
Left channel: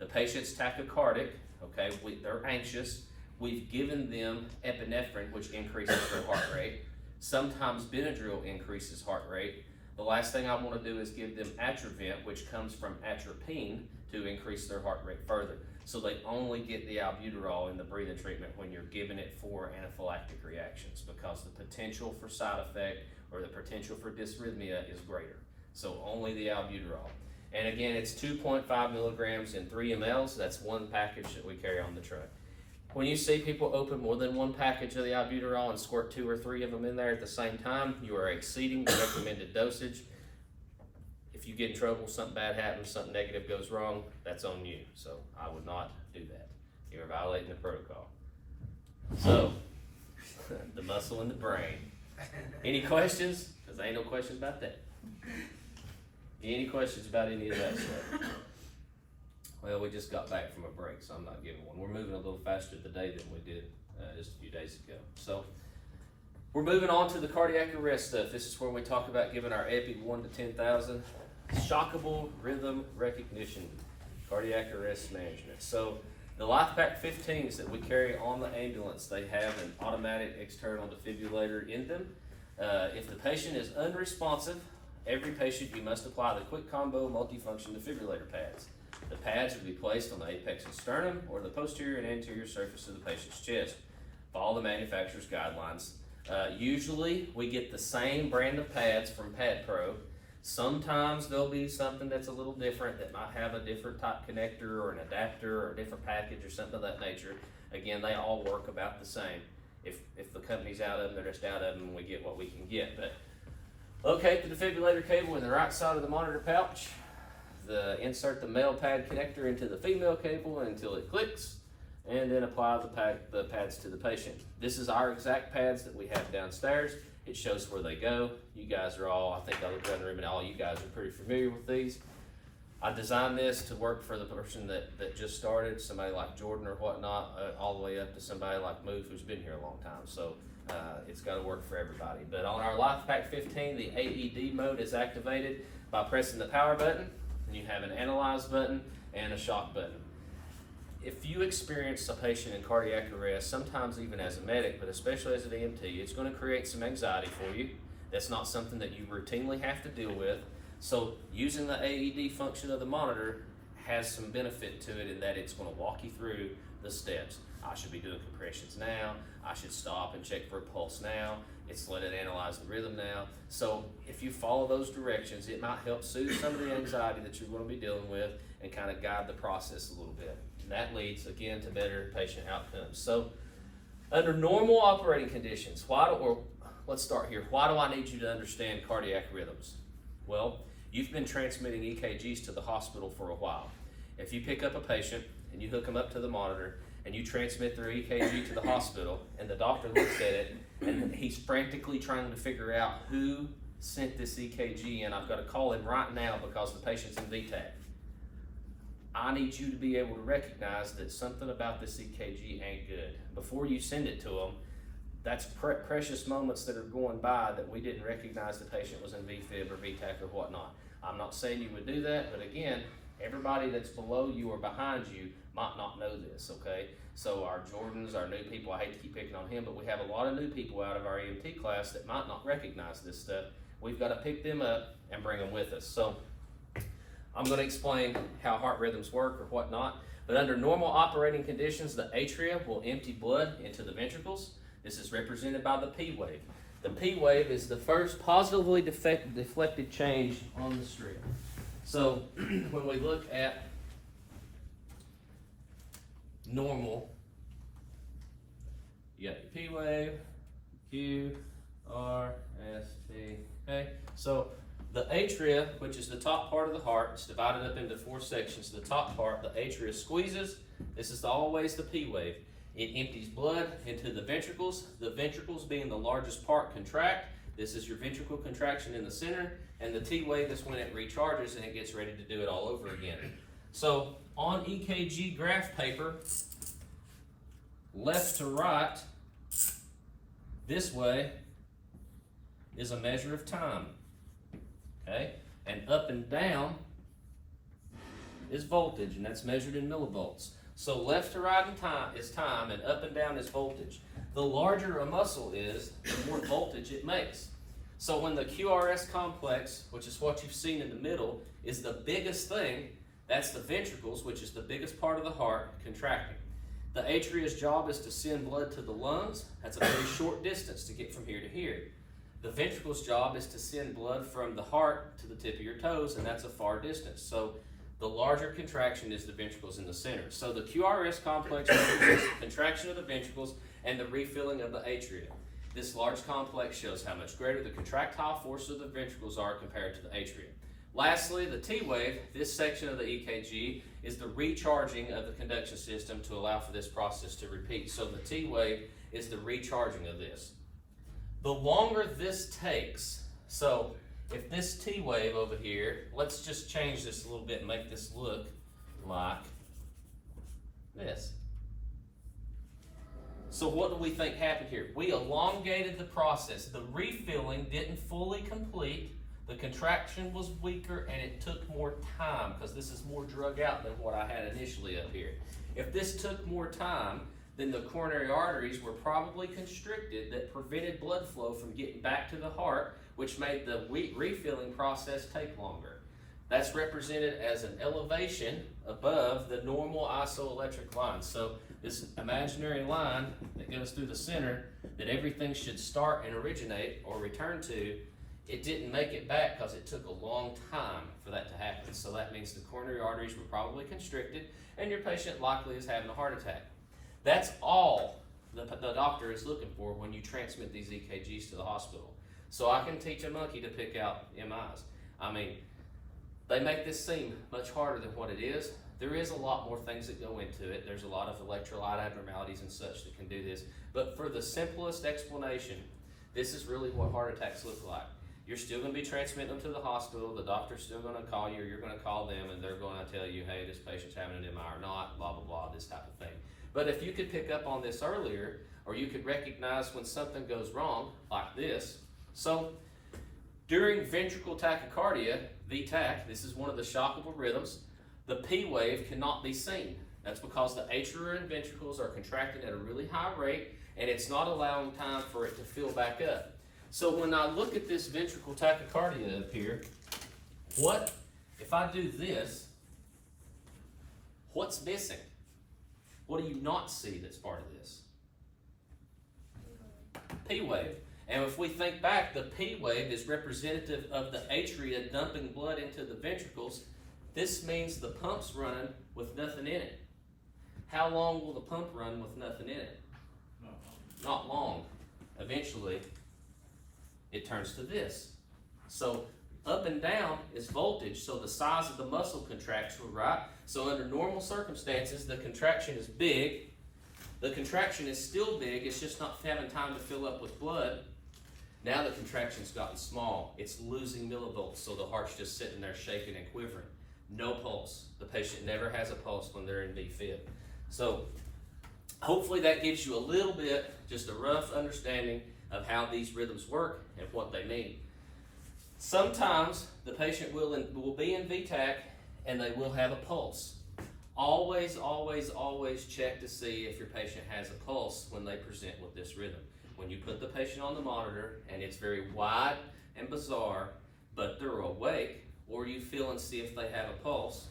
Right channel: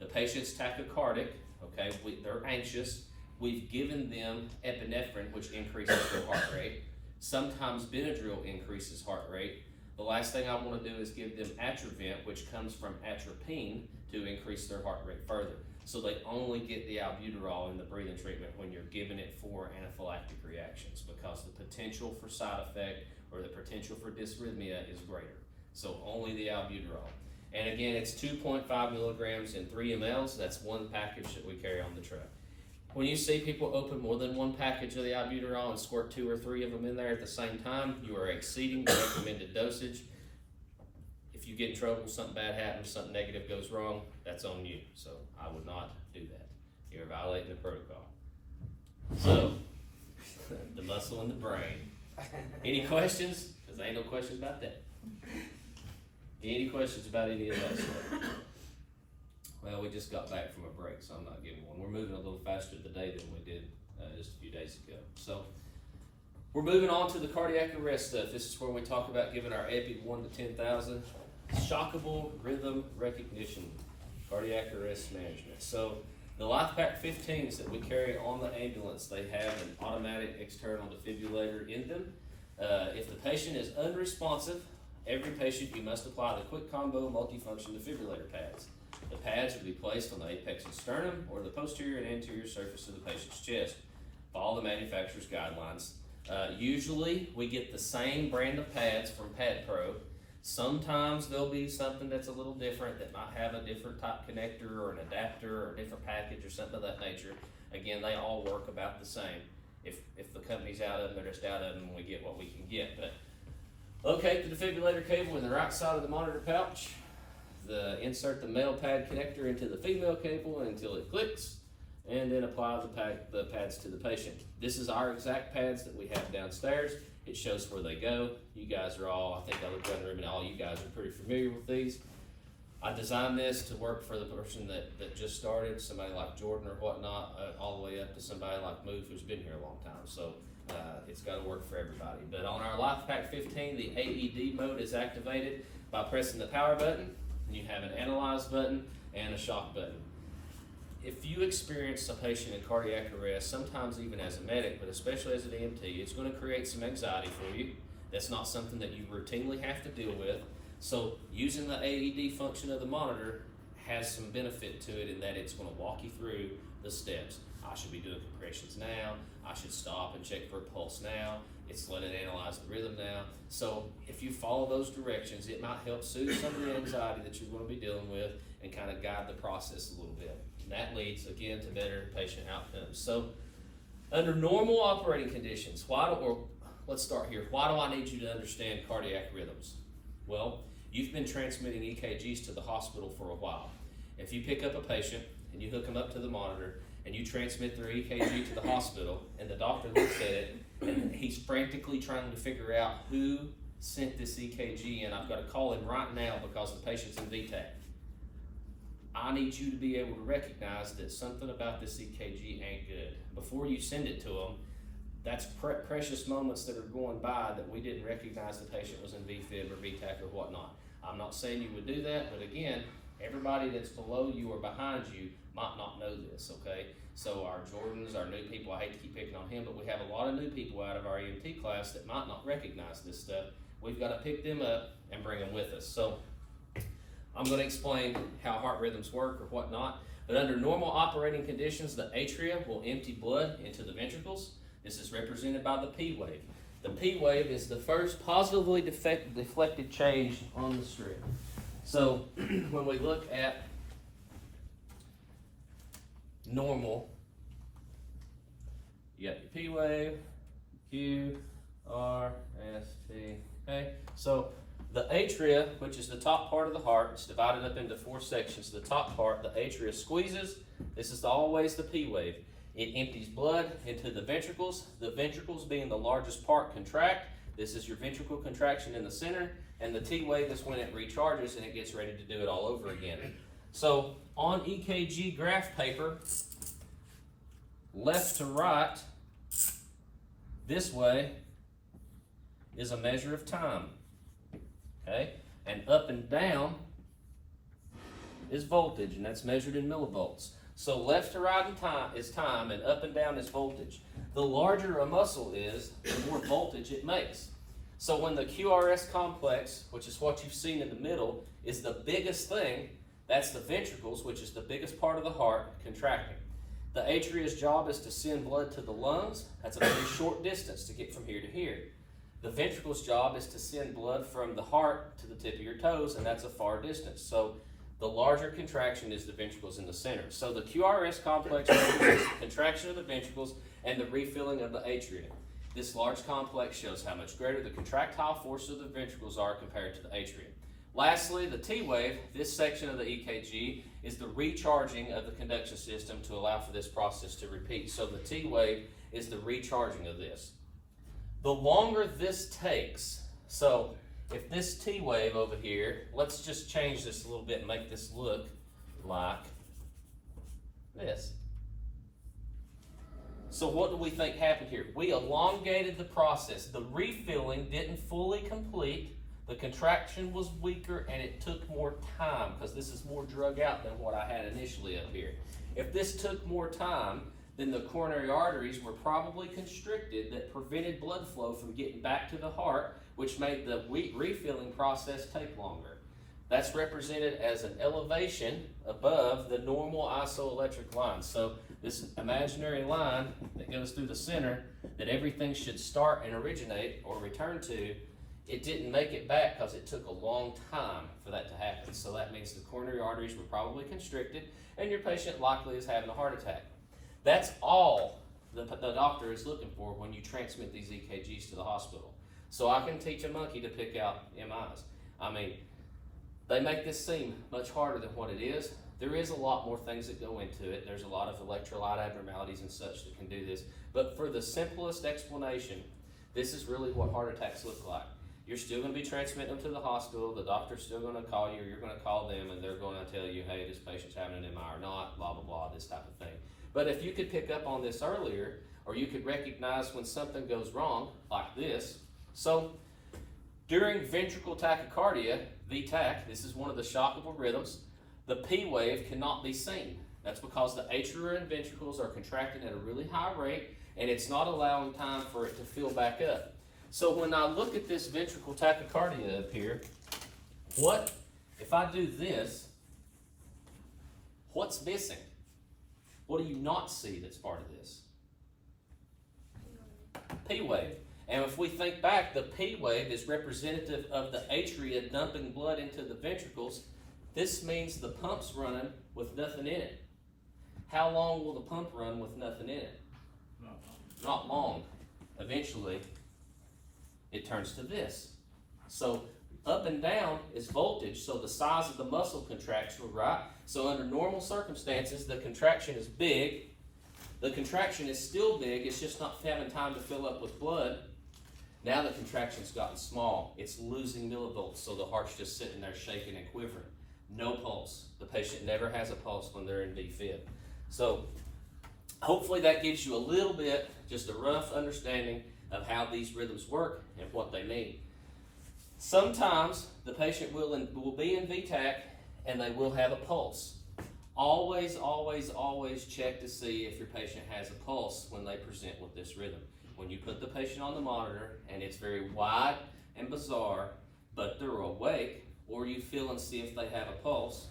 The patient's tachycardic, okay, they're anxious. We've given them epinephrine, which increases their heart rate. Sometimes Benadryl increases heart rate. The last thing I want to do is give them Atrovent, which comes from atropine, to increase their heart rate further. So they only get the albuterol in the breathing treatment when you're giving it for anaphylactic reactions, because the potential for side effect or the potential for dysrhythmia is greater. So only the albuterol. And again, it's 2.5 milligrams in 3 mLs. That's one package that we carry on the truck. When you see people open more than one package of the albuterol and squirt 2 or 3 of them in there at the same time, you are exceeding the recommended dosage. If you get in trouble, something bad happens, something negative goes wrong, that's on you. So I would not do that. You're violating the protocol. So, the muscle in the brain. Any questions? Because there ain't no questions about that. Any questions about any of that stuff? Well, we just got back from a break, so I'm not giving one. We're moving a little faster today than we did just a few days ago. So we're moving on to the cardiac arrest stuff. This is where we talk about giving our epi 1 to 10,000. Shockable rhythm recognition, cardiac arrest management. So the LifePak 15s that we carry on the ambulance, they have an automatic external defibrillator in them. If the patient is unresponsive, every patient you must apply the quick combo multifunction defibrillator pads. The pads will be placed on the apex and sternum or the posterior and anterior surface of the patient's chest. Follow the manufacturer's guidelines. Usually we get the same brand of pads from Pad Pro. Sometimes there'll be something that's a little different that might have a different type connector or an adapter or a different package or something of that nature. Again, they all work about the same. If the company's out of them, they're just out of them and we get what we can get. But locate the defibrillator cable in the right side of the monitor pouch. Insert the male pad connector into the female cable until it clicks, and then apply the pads to the patient. This is our exact pads that we have downstairs. It shows where they go. You guys are all, I think I looked around the room and all you guys are pretty familiar with these. I designed this to work for the person that just started, somebody like Jordan or whatnot, all the way up to somebody like Move who's been here a long time. So it's got to work for everybody. But on our LifePak 15, the AED mode is activated by pressing the power button, and you have an analyze button and a shock button. If you experience a patient in cardiac arrest, sometimes even as a medic, but especially as an EMT, it's going to create some anxiety for you. That's not something that you routinely have to deal with. So using the AED function of the monitor has some benefit to it in that it's going to walk you through the steps. I should be doing compressions now. I should stop and check for a pulse now. It's let it analyze the rhythm now. So if you follow those directions, it might help soothe some of the anxiety that you're going to be dealing with and kind of guide the process a little bit. And that leads, again, to better patient outcomes. So under normal operating conditions, let's start here. Why do I need you to understand cardiac rhythms? Well, you've been transmitting EKGs to the hospital for a while. If you pick up a patient and you hook them up to the monitor and you transmit their EKG to the hospital and the doctor looks at it and he's frantically trying to figure out who sent this EKG in, I've got to call him right now because the patient's in VTAC. I need you to be able to recognize that something about this EKG ain't good. Before you send it to them, that's precious moments that are going by that we didn't recognize the patient was in VFib or VTAC or whatnot. I'm not saying you would do that, but again, everybody that's below you or behind you might not know this, okay? So our Jordans, our new people, I hate to keep picking on him, but we have a lot of new people out of our EMT class that might not recognize this stuff. We've got to pick them up and bring them with us. So I'm going to explain how heart rhythms work or whatnot, but under normal operating conditions, the atria will empty blood into the ventricles. This is represented by the P wave. The P wave is the first positively deflected change on the strip. So when we look at normal, you got your P wave, Q, R, S, T, okay? So the atria, which is the top part of the heart, it's divided up into 4 sections. The top part, the atria squeezes. This is always the P wave. It empties blood into the ventricles being the largest part contract. This is your ventricle contraction in the center, and the T wave is when it recharges and it gets ready to do it all over again. So on EKG graph paper, left to right, this way is a measure of time, okay? And up and down is voltage, and that's measured in millivolts. So left to right is time, and up and down is voltage. The larger a muscle is, the more voltage it makes. So when the QRS complex, which is what you've seen in the middle, is the biggest thing, that's the ventricles, which is the biggest part of the heart, contracting. The atria's job is to send blood to the lungs. That's a very short distance to get from here to here. The ventricle's job is to send blood from the heart to the tip of your toes, and that's a far distance. So the larger contraction is the ventricles in the center. So the QRS complex represents the contraction of the ventricles and the refilling of the atria. This large complex shows how much greater the contractile force of the ventricles are compared to the atria. Lastly, the T wave, this section of the EKG, is the recharging of the conduction system to allow for this process to repeat. So the T wave is the recharging of this. The longer this takes, so if this T wave over here, let's just change this a little bit and make this look like this. So what do we think happened here? We elongated the process. The refilling didn't fully complete. The contraction was weaker and it took more time because this is more drug out than what I had initially up here. If this took more time, then the coronary arteries were probably constricted that prevented blood flow from getting back to the heart, which made the refilling process take longer. That's represented as an elevation above the normal isoelectric line. So this imaginary line that goes through the center that everything should start and originate or return to It didn't make it back because it took a long time for that to happen. So that means the coronary arteries were probably constricted and your patient likely is having a heart attack. That's all the doctor is looking for when you transmit these EKGs to the hospital. So I can teach a monkey to pick out MIs. I mean, they make this seem much harder than what it is. There is a lot more things that go into it. There's a lot of electrolyte abnormalities and such that can do this. But for the simplest explanation, this is really what heart attacks look like. You're still going to be transmitting them to the hospital. The doctor's still going to call you, or you're going to call them, and they're going to tell you, hey, this patient's having an MI or not, blah, blah, blah, this type of thing. But if you could pick up on this earlier, or you could recognize when something goes wrong, like this. So during ventricular tachycardia, VTAC, this is one of the shockable rhythms, the P wave cannot be seen. That's because the atrial ventricles are contracted at a really high rate, and it's not allowing time for it to fill back up. So when I look at this ventricular tachycardia up here, what if I do this? What's missing? What do you not see that's part of this? P wave. And if we think back, the P wave is representative of the atria dumping blood into the ventricles. This means the pump's running with nothing in it. How long will the pump run with nothing in it? Not long. Eventually, it turns to this. So up and down is voltage, so the size of the muscle contracts, right? So under normal circumstances, the contraction is big. The contraction is still big, it's just not having time to fill up with blood. Now the contraction's gotten small. It's losing millivolts, so the heart's just sitting there shaking and quivering. No pulse. The patient never has a pulse when they're in VFib. So hopefully that gives you a little bit, just a rough understanding of how these rhythms work and what they mean. Sometimes the patient will be in VTAC and they will have a pulse. Always, always, always check to see if your patient has a pulse when they present with this rhythm. When you put the patient on the monitor and it's very wide and bizarre, but they're awake, or you feel and see if they have a pulse,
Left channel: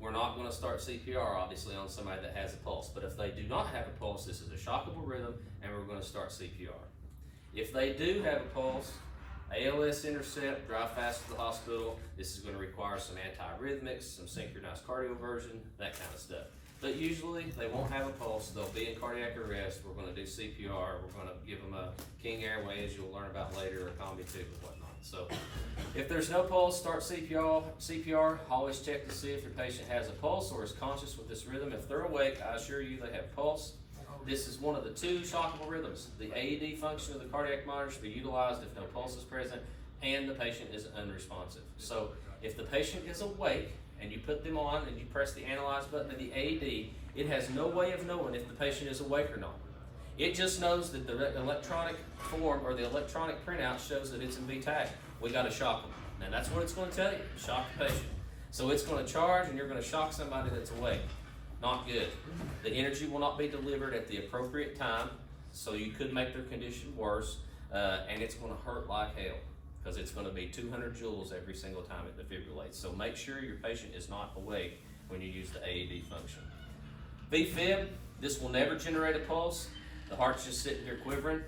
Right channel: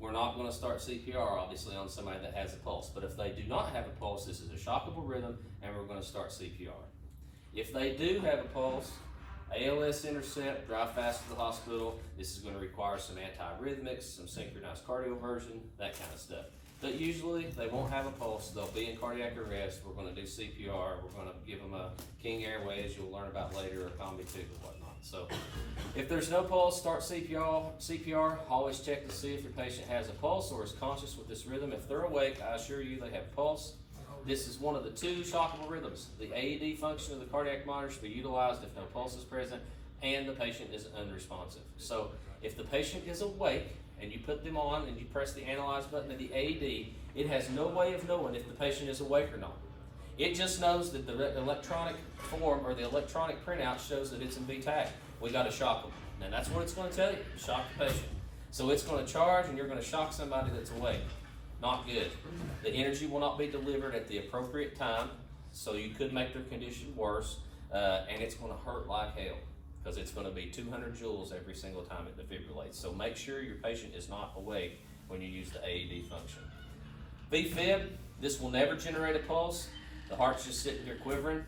we're not going to start CPR obviously on somebody that has a pulse. But if they do not have a pulse, this is a shockable rhythm and we're going to start CPR. If they do have a pulse, ALS intercept, drive fast to the hospital. This is going to require some antiarrhythmics, some synchronized cardioversion, that kind of stuff. But usually they won't have a pulse. They'll be in cardiac arrest. We're going to do CPR. We're going to give them a King Airway, as you'll learn about later, a combi tube and whatnot. So if there's no pulse, start CPR. Always check to see if your patient has a pulse or is conscious with this rhythm. If they're awake, I assure you they have a pulse. This is one of the two shockable rhythms. The AED function of the cardiac monitor should be utilized if no pulse is present and the patient is unresponsive. So if the patient is awake and you put them on and you press the analyze button of the AED, it has no way of knowing if the patient is awake or not. It just knows that the electronic form or the electronic printout shows that it's in VTAC. We got to shock them. And that's what it's going to tell you, shock the patient. So it's going to charge and you're going to shock somebody that's awake. Not good. The energy will not be delivered at the appropriate time, so you could make their condition worse, and it's going to hurt like hell because it's going to be 200 joules every single time it defibrillates. So make sure your patient is not awake when you use the AED function. VFib, this will never generate a pulse. The heart's just sitting here quivering.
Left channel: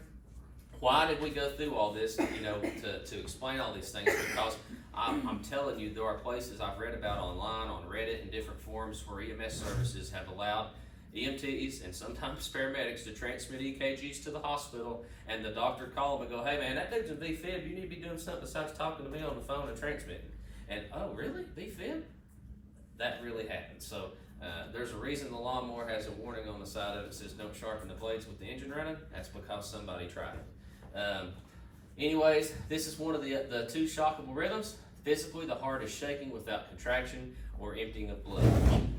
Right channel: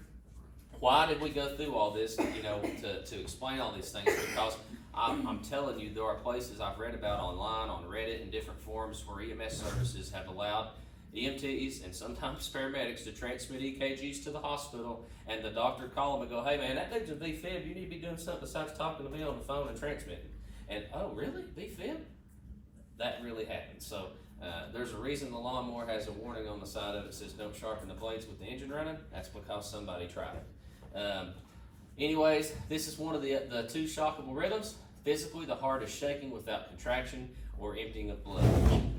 Why did we go through all this, to explain all these things? Because I'm telling you, there are places I've read about online, on Reddit, and different forums where EMS services have allowed EMTs and sometimes paramedics to transmit EKGs to the hospital, and the doctor call them and go, hey man, that dude's a VFib, you need to be doing something besides talking to me on the phone and transmitting. And, oh really, VFib? That really happens. So there's a reason the lawnmower has a warning on the side of it that says don't sharpen the blades with the engine running. That's because somebody tried it. Anyways, this is one of the two shockable rhythms. Physically, the heart is shaking without contraction or emptying of blood.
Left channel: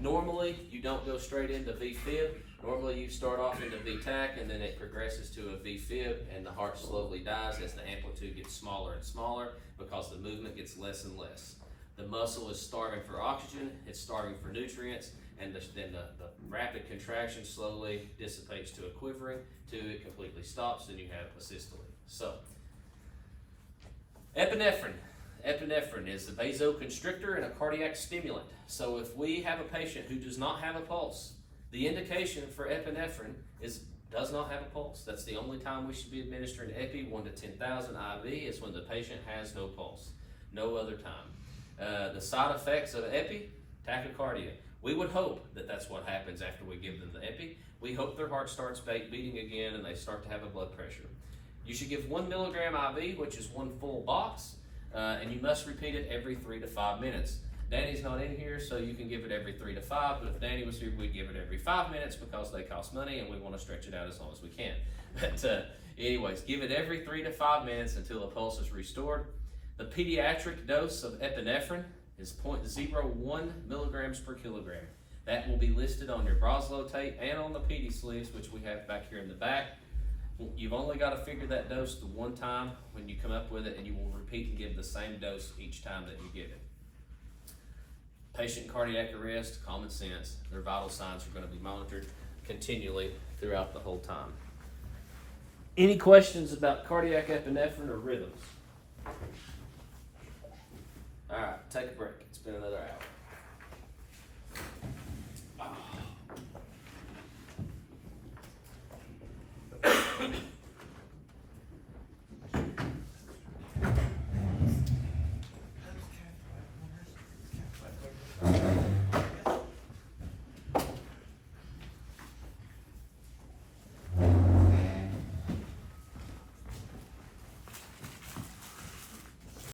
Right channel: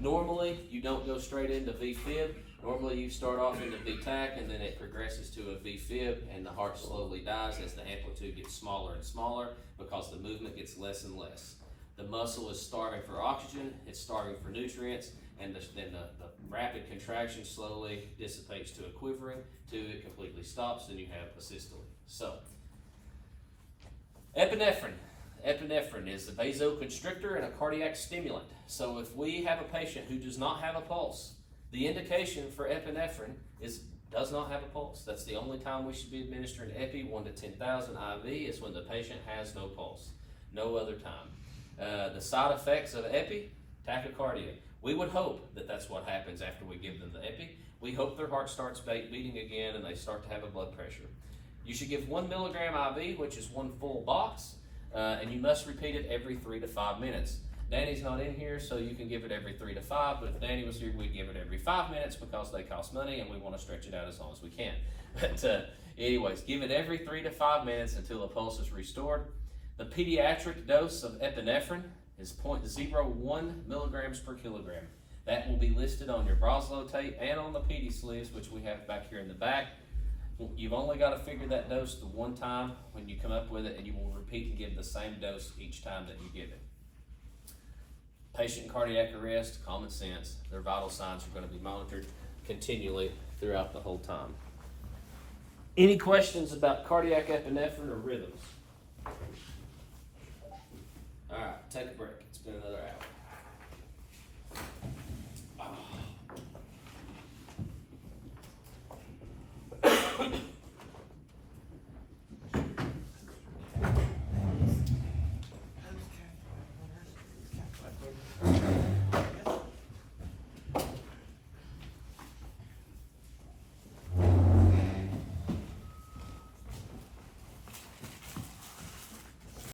Normally, you don't go straight into VFib. Normally, you start off into VTAC, and then it progresses to a VFib, and the heart slowly dies as the amplitude gets smaller and smaller because the movement gets less and less. The muscle is starving for oxygen, it's starving for nutrients, and then the rapid contraction slowly dissipates to a quivering, till it completely stops, and you have a systole. So, epinephrine. Epinephrine is a vasoconstrictor and a cardiac stimulant. So if we have a patient who does not have a pulse, the indication for epinephrine is does not have a pulse. That's the only time we should be administering epi, 1 to 10,000 IV, is when the patient has no pulse. No other time. The side effects of epi, tachycardia. We would hope that that's what happens after we give them the epi. We hope their heart starts beating again and they start to have a blood pressure. You should give 1 milligram IV, which is 1 full box, and you must repeat it every 3 to 5 minutes. Danny's not in here, so you can give it every 3 to 5, but if Danny was here, we'd give it every 5 minutes because they cost money and we want to stretch it out as long as we can. But anyways, give it every 3 to 5 minutes until the pulse is restored. The pediatric dose of epinephrine is 0.01 milligrams per kilogram. That will be listed on your Broslow tape and on the PD sleeves, which we have back here in the back. You've only got to figure that dose the one time when you come up with it, and you will repeat and give the same dose each time that you give it. Patient in cardiac arrest, common sense. Their vital signs are going to be monitored continually throughout the whole time. Any questions about cardiac epinephrine or rhythms? All right, take a break. It's been another hour.